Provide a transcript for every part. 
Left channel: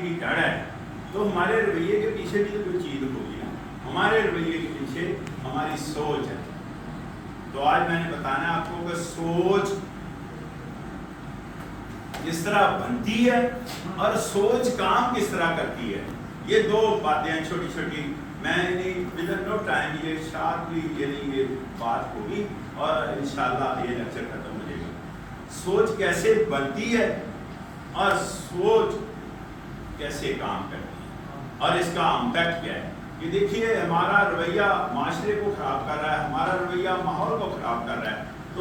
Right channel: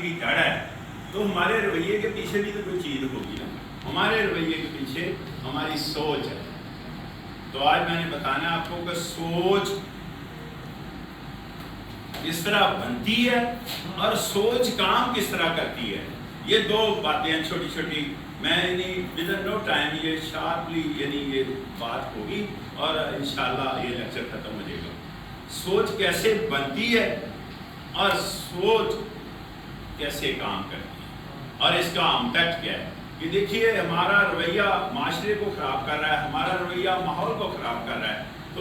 की जड़ है, तो हमारे रवैये के पीछे भी तो कोई चीज़ होगी। हमारे रवैये के पीछे हमारी सोच है। तो आज मैंने बताना है आपको कि सोच किस तरह बनती है और सोच काम किस तरह करती है। ये दो बातें छोटी छोटी, मैं विद नो टाइम ये शार्पली ये बात होगी और इंशाल्लाह ये लेक्चर खत्म हो जाएगा। सोच कैसे बनती है और सोच कैसे काम करती है और इसका इम्पैक्ट क्या है। ये देखिए, हमारा रवैया माशरे को ख़राब कर रहा है, हमारा रवैया माहौल को ख़राब कर रहा है। तो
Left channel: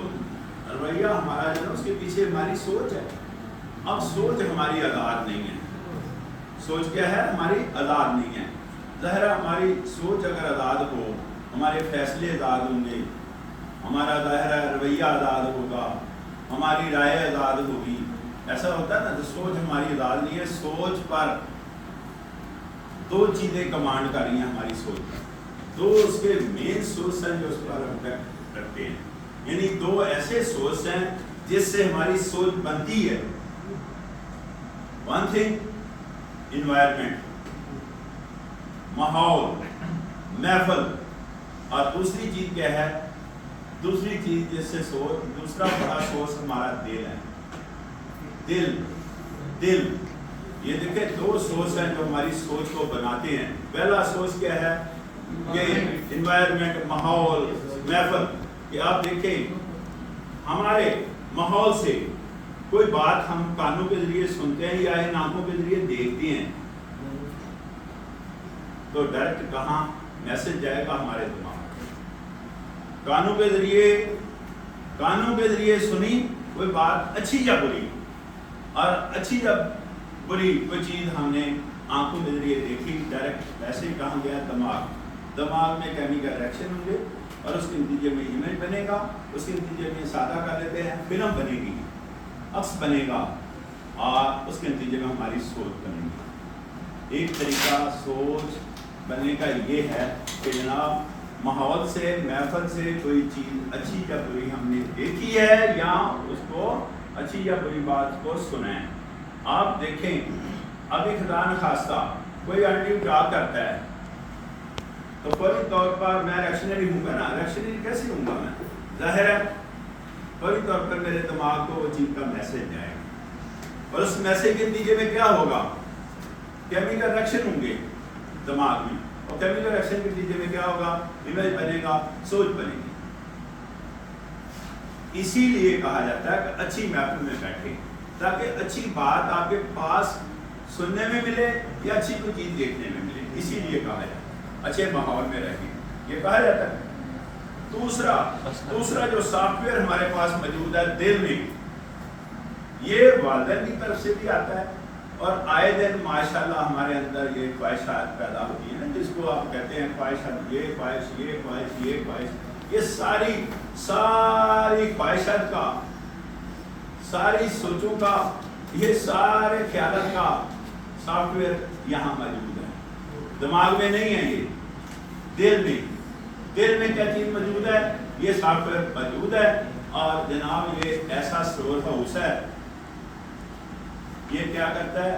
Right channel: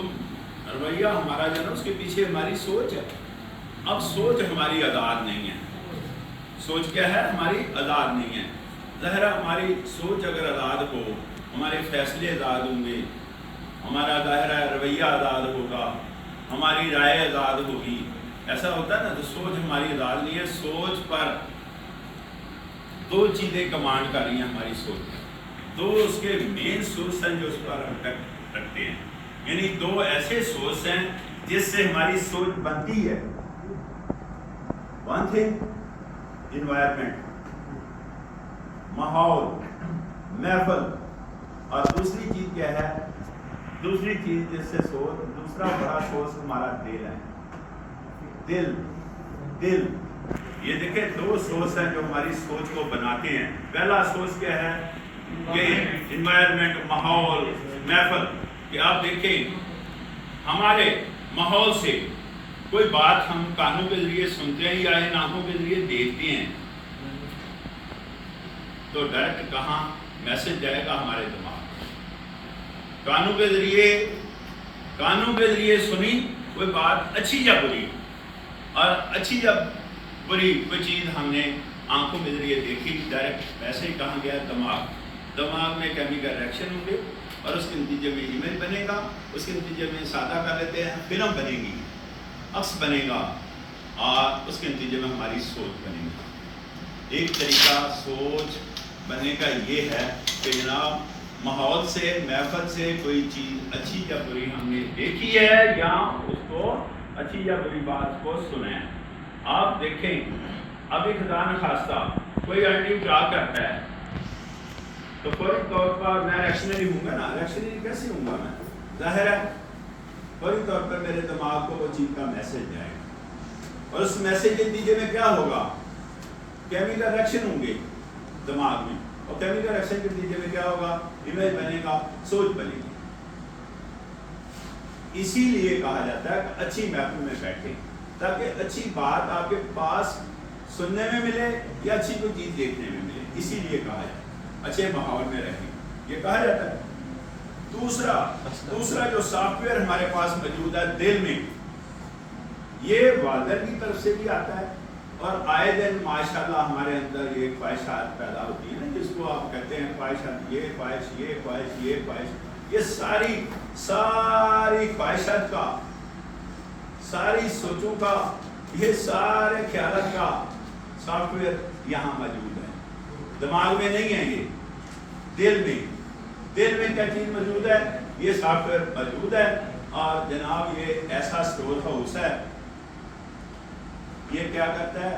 रवैया हमारा जो है उसके पीछे हमारी सोच है। अब सोच हमारी आज़ाद नहीं है। सोच क्या है? हमारी आज़ाद नहीं है। ज़ाहिर हमारी सोच अगर आज़ाद हो, हमारे फैसले आज़ाद होंगे, हमारा ज़ाहिर रवैया आज़ाद होगा, हमारी राय आज़ाद होगी। ऐसा होता है ना, तो सोच हमारी आज़ाद नहीं है। सोच पर दो चीज़ें कमांड कर रही हैं हमारी सोच पर, दो उसके मेन सोर्स हैं जो उस पर इम्पैक्ट रखते हैं। यानी दो ऐसे सोर्स हैं जिससे हमारी सोच बनती है। वन थिंग इन्वायरमेंट, माहौल, महफल, और दूसरी चीज़ क्या है? दूसरी चीज़ जिससे सोच, दूसरा बड़ा सोर्स हमारा दिल है। दिल ये देखें, दो सोर्स हैं जो हमारी सोच को बनाते हैं। पहला सोर्स क्या है? ये इन्वायरमेंट, माहौल, महफल। कि आप देखें, हमारे माहौल से कोई बात हम कानों के जरिए सुनते हैं या इन आंखों के जरिए देखते हैं, तो डायरेक्ट कहाँ मैसेज जाएगा? हमारे दिमाग। कानों के जरिए सुनी कोई बात, अच्छी या बुरी, और अच्छी या बुरी कोई चीज़ हमने आंखों के जरिए देखी, डायरेक्ट मैसेज कहाँ गया? दिमाग में केमिकल रिएक्शन होंगे और उसके नतीजे में इमेज बनेगा। उसके नतीजे में सादा कर लेते हैं, फिल्म बनेगी, अक्स बनेगा, और उसके नतीजे में हमारी सोच बनेगी। एक तरीका सोच बनने का ये है कि जनाब, माहौल से, महफल से कोई चीज़ अच्छी या बुरी हमने देखी है या उसको अच्छी या बुरी बात को सुना है। आप देखें, अभी खुदा न खास्ता कोई आंटी ड्रा करता है तो फौरी तौर पर मैं रिएक्शनरी हूँगा ना। रिएक्शनरी कैसे हूँगा मैं? ज़ाहिर है फौरी तौर पर मेरे दिमाग को वो चीज़ का मैसेज जाएगा, और उस मैसेज के नतीजे में क्या होगा? केमिकल रिएक्शन होंगे दिमाग में, और केमिकल रिएक्शन के नतीजे में क्या होगा? इमेज बनेगा, सोच बनेगी। इसीलिए कहा जाता है कि अच्छी महफिल में बैठे, ताकि अच्छी बात आपके पास सुनने में मिले या अच्छी कोई चीज़ देखने में मिले। इसीलिए कहा जाता है अच्छे माहौल में रहें, ये कहा जाता है। दूसरा जो सॉफ्टवेयर हमारे पास मौजूद है दिल में, ये वालिदैन की तरफ से भी आता है, और आए दिन माशाल्लाह हमारे अंदर ये ख्वाहिशात पैदा होती है ना, जिसको आप कहते हैं ख्वाहिशात, ये ख्वाहिश, ये ख्वाहिश, ये ख्वाहिश, ये सारी ख्वाहिशात का, सारी सोचों का, ये सारे ख्यालात का सॉफ्टवेयर यहाँ मौजूद है। दिमाग में नहीं है, ये दिल में क्या चीज़ मौजूद है? ये सॉफ्टवेयर मौजूद है। और जनाब, ये ऐसा स्टोर हाउस है, ये क्या करता है?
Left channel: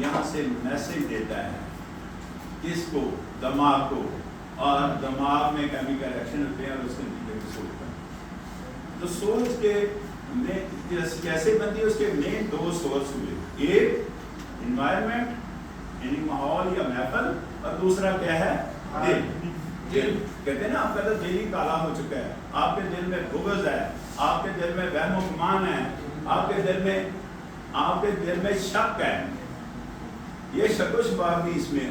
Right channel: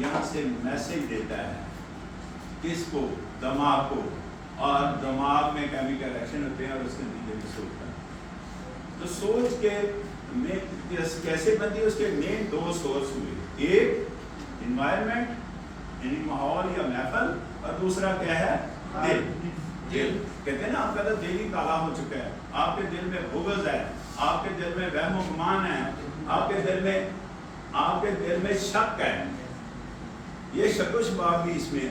यहाँ से मैसेज देता है किसको? दिमाग को, और दिमाग में केमिकल रिएक्शन होते हैं और उसके नतीजे में सोच बनती है। तो सोच के कैसे बनती है? उसके मेन दो सोर्स हुए, एक इन्वायरमेंट यानी माहौल या महफल, और दूसरा क्या है? दिल। कहते हैं ना, आपका तो दिल ही काला हो चुका है, आपके दिल में बुग़्ज़ है, आपके दिल में वहम गुमान है, आपके दिल में शक है। ये शक शुबाह भी इसमें,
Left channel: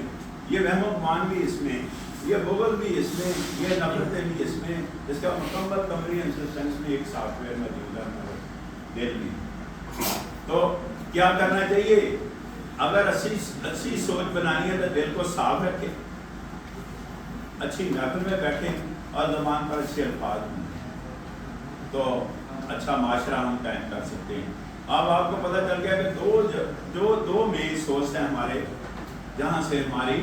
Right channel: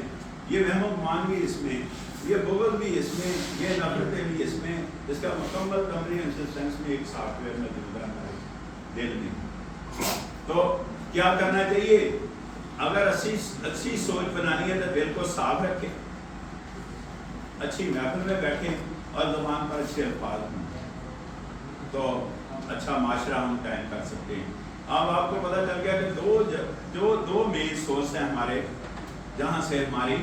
ये वहम गुमान भी इसमें, ये बुग़्ज़ भी इसमें, ये नफरतें भी इसमें। इसका मुकम्मल कम्प्रीहेंसिव में एक सॉफ्टवेयर मौजूद है हमारे दिल में। तो क्या करना चाहिए? अगर अच्छी सोच बनानी है तो दिल को साफ रखें, अच्छी महफिल में बैठें, और ज़बान पर अच्छे अल्फाज हों, तो अच्छा माशरा हम कायम कर सकते हैं। अब आपको पता चल गया कि दो मेन सोर्स हैं हमारे, जहाँ से हमारी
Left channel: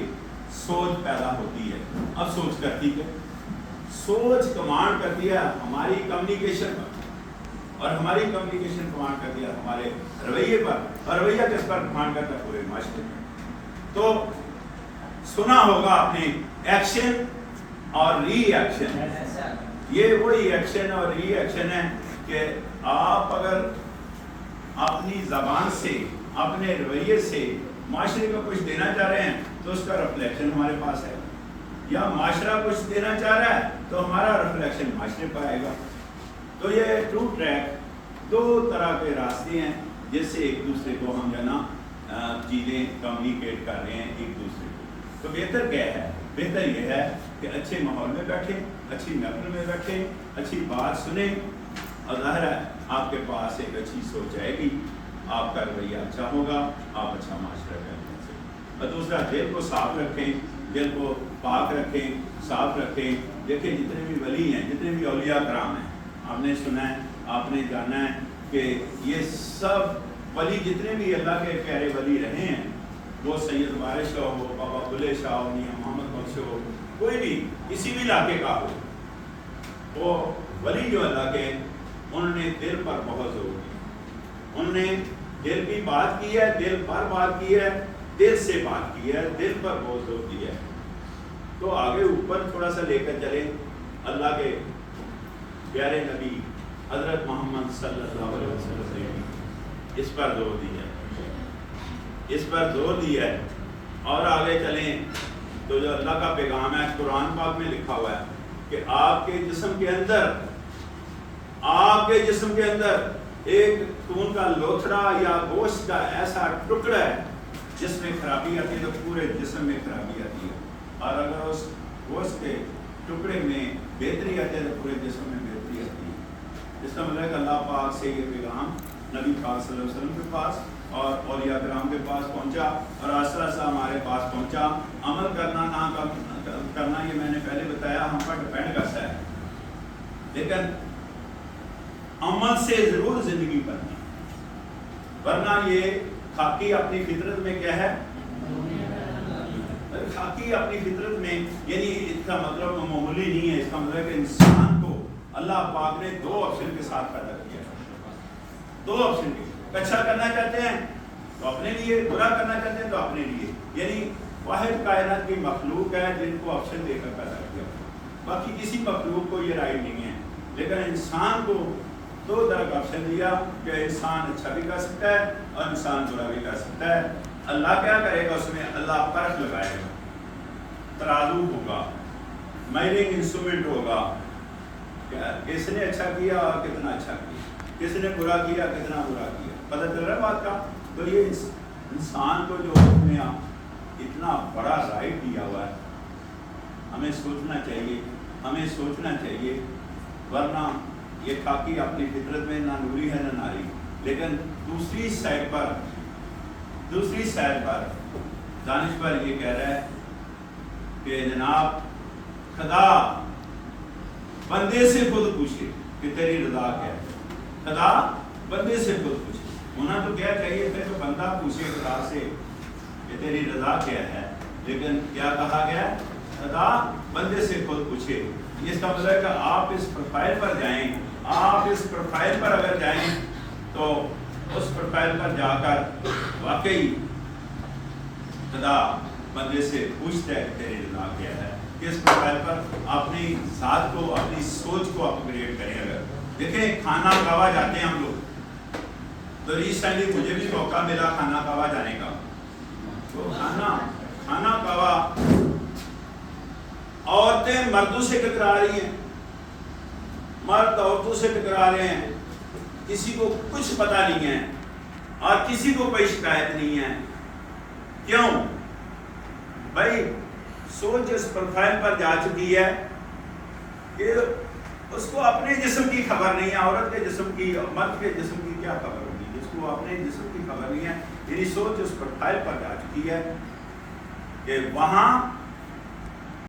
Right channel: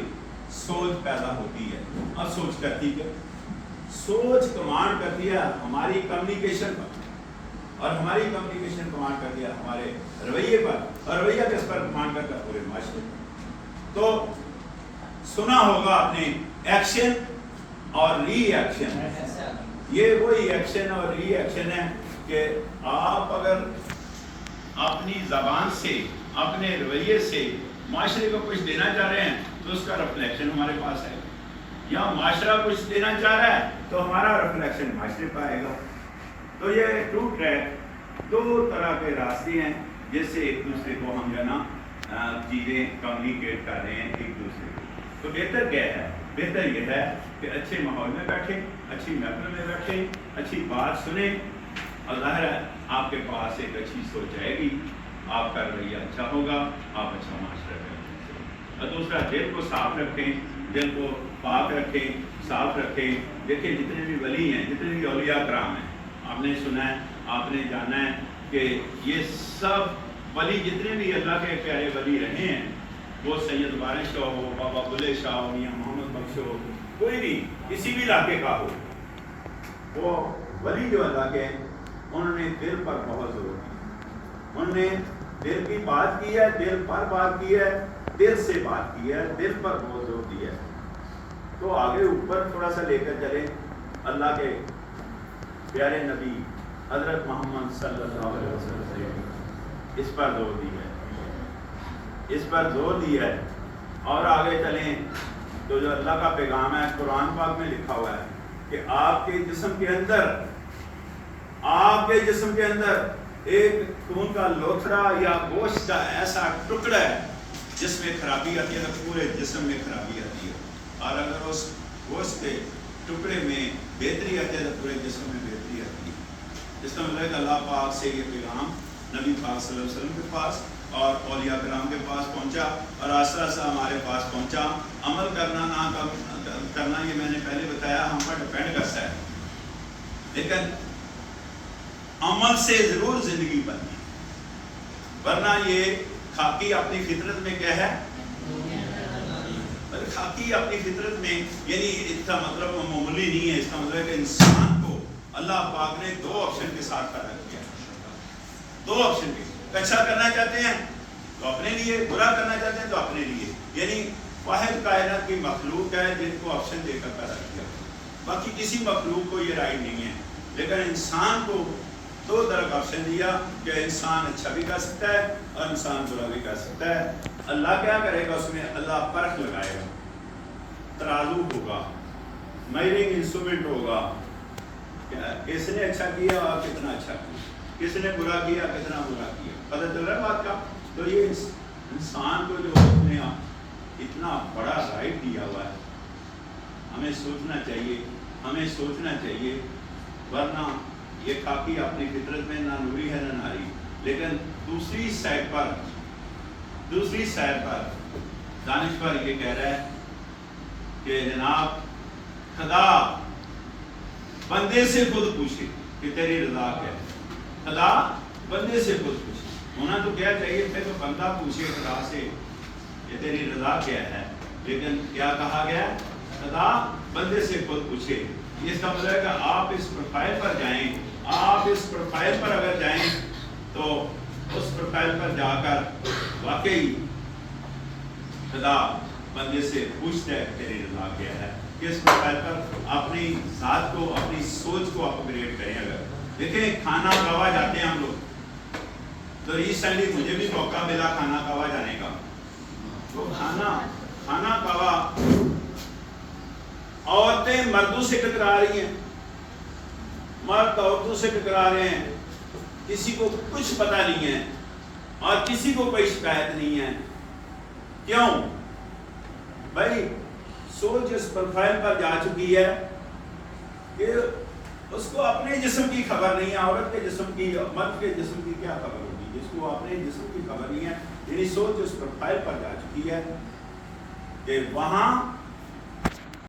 सोच पैदा होती है। अब सोच करती है, सोच कमांड करती है हमारी कम्युनिकेशन पर, और हमारी कम्युनिकेशन कमांड करती है हमारे रवैये पर, और रवैया किस पर कमांड करता है? पूरे माशरे पर। تو سنا ہوگا آپ نے ایکشن اور ری ایکشن. یہ وہی ایکشن اور ری ایکشن ہے کہ آپ اگر اپنی زبان سے اپنے رویے سے معاشرے کو کچھ دینا چاہ رہے ہیں تو اس کا ریفلیکشن ہمارے پاس ہے، یا معاشرہ کچھ دینا چاہ رہا ہے تو ہمارا ریفلیکشن معاشرے پہ آئے گا. تو یہ ٹرو ٹریک دو طرح کے راستے ہیں جس سے ایک دوسرے کو ہم جو ہے نا چیزیں کمیونیکیٹ کر رہے ہیں ایک دوسرے کو. تو بہتر کیا ہے؟ بہتر یہ ہے کہ اچھے ماحول میں بیٹھیں، اچھی محفل میں بیٹھیں، اچھی بات سنیں، اور ظاہر ہے آپ کے پاس ایک اچھی سوچ آئے گی، آپ کا رویہ اچھا ہوگا، آپ اچھا معاشرہ کریں. اور دوسرا دل کو صاف رکھیں، دل کو پاک رکھیں، صاف رکھیں. دیکھیں جتنے بھی ولی ہیں، جتنے بھی اولیاء کرام ہیں، آپ نے سنا ہے، آپ نے جانا ہے کہ یہ سب ولی جتنے بھی اللہ کے پیارے ولی رہے ہیں، وہ سید وارث شاہ ہو، بابا بلے شاہ ہو، میاں محمد بخش ہو، کوئی بھی کسی بھی علاقے کا ہو، وہ ولی جو اللہ کے انہوں نے دل پر بہت زور دیا. انہوں نے دل کی بات کی ہے، دل پر بات کی ہے، دل سے بات کی ہے، دل پر بہت زور دیا ہے. تو آگے اوپر تھوڑا سا لے کر چلیں. اللہ کے پیارے نبی حضرت محمد صلی اللہ علیہ وسلم سے اس پر زور دیا ہے، اس پر زور دیا ہے. اور آگے چلیں تو جو اللہ کا پیغام ہے قرآن پاک میں لکھا ہوا ہے کہ آپ کے جسم کے اندر، آپ کے جسم کے اندر ایک خون کا لوتھڑا یا گوشت کا ایسا ٹکڑا ہے جس میں خرابی آتی ہے تو پورے جسم میں خرابی آتی ہے، اور اگر اس گوشت کے ٹکڑے میں بہتری آتی ہے تو پورے جسم میں بہتری آتی ہے. اس کا مطلب ہے کہ اللہ پاک سے یہ پیغام نبی پاک صلی اللہ علیہ وسلم کے پاس اور اولیاء کرام کے پاس پہنچا، اور آہستہ آہستہ ہمارے پاس پہنچا. عمل کرنا نہ کرنا یہ میں نے پہلے بتایا ہم پر ڈپینڈ کرتا ہے، لیکن عمل سے ضرور زندگی بنتی، ورنہ یہ خاکی اپنی فطرت میں کیا ہے؟ خاکی اپنی فطرت میں، یعنی اس کا مطلب معمولی نہیں ہے. اس کا مطلب ہے کہ انسان کو اللہ پاک نے دو آپشن کے ساتھ پیدا کیا ہے، دو آپشن کے. اچھا کرنا چاہتے ہیں تو اپنے لیے، برا کرنا چاہتے ہیں تو اپنے لیے. یعنی واحد کائنات کی مخلوق ہے جن کو آپشن دے کر پیدا کیا، باقی کسی مخلوق کو یہ رائٹ نہیں ہے. لیکن انسان کو دو طرح کا آپشن دیا کہ انسان اچھا بھی کر سکتا ہے اور انسان برا بھی کر سکتا ہے. اللہ کیا کرے گا اس میں؟ اللہ پرکھ لگائے گا، ترازو ہوگا، میئرنگ انسٹرومنٹ ہوگا کہ کس نے اچھا کیا اور کتنا اچھا کیا، کس نے برا کیا کتنا برا کیا. پتہ چل رہا ہے بات کا؟ تو یہ انسان کو جو اس نے اتنا بڑا رائٹ دیا ہوا ہے، ہمیں سوچنا چاہیے، ہمیں سوچنا چاہیے. ورنہ یہ خاکی اپنی فطرت میں نہ نوری ہے نہ ناری. لیکن دوسری سائڈ پر دانش پر یہ کہہ رہا ہے کہ جناب خدا بندے سے خود پوچھے کہ تیری رضا کیا ہے. خدا بندے سے خود پوچھے. ہونا تو کیا چاہیے تھے کہ بندہ پوچھے خدا سے کہ تیری رضا کیا ہے، لیکن کیا کہا گیا؟ خدا بندے سے خود پوچھے. اس کا مطلب ہے کہ آپ اس پروفائل پر جائیں، آپ اس پروفائل پر اگر جائیں تو اس پروفائل پر جا کر واقعی خدا بندے سے پوچھتا ہے تیری رضا کیا ہے. کس پروفائل پر؟ اپنی ذات کو، اپنی سوچ کو اپ گریڈ کریں. اگر دیکھیں کھانا کعبہ جاتے ہیں ہم لوگ، تو ریسنٹلی مجھے بھی موقع ملا کھانا کعبہ جانے کا. تو کھانا کعبہ عورتیں مردوں سے ٹکرا رہی ہیں، مرد عورتوں سے ٹکرا رہے ہیں، کسی کو کچھ پتہ نہیں ہے اور کسی کو کوئی شکایت نہیں ہے. کیوں بھائی؟ سوچ اس پروفائل پر جا چکی ہے کہ اس کو اپنے جسم کی خبر نہیں ہے. عورت کے جسم کی، مرد کے جسم کی کیا خبر ہوگی جس کو اپنے جسم کی خبر نہیں ہے. یعنی سوچ اس پروفائل پر جا چکی ہے کہ وہاں